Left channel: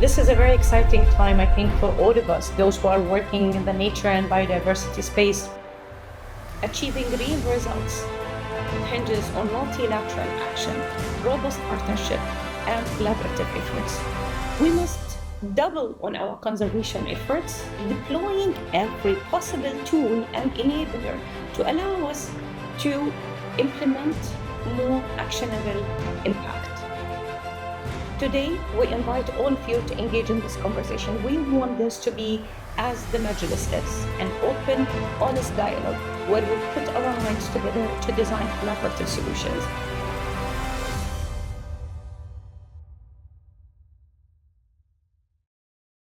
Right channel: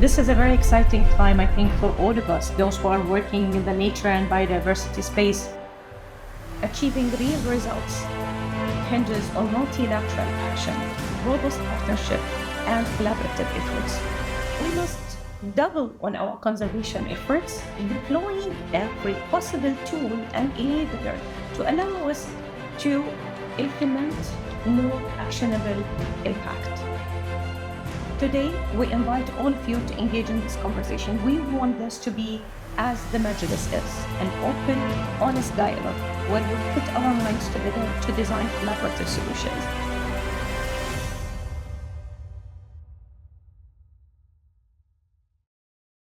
This is a very exciting time, I think, for all of us, those who are working in the nature and biodiversity space. Achieving real results hinges on multilateral action, robust partnership, and collaborative efforts. We must double on our conservation efforts, deploying every possible tool and enabler to allow us to implement more actionable impact. Today, we invite all of you to engage in this conversation. We want this to be, as the Mejlis is, an open, honest dialogue where we put our minds together to design collaborative solutions.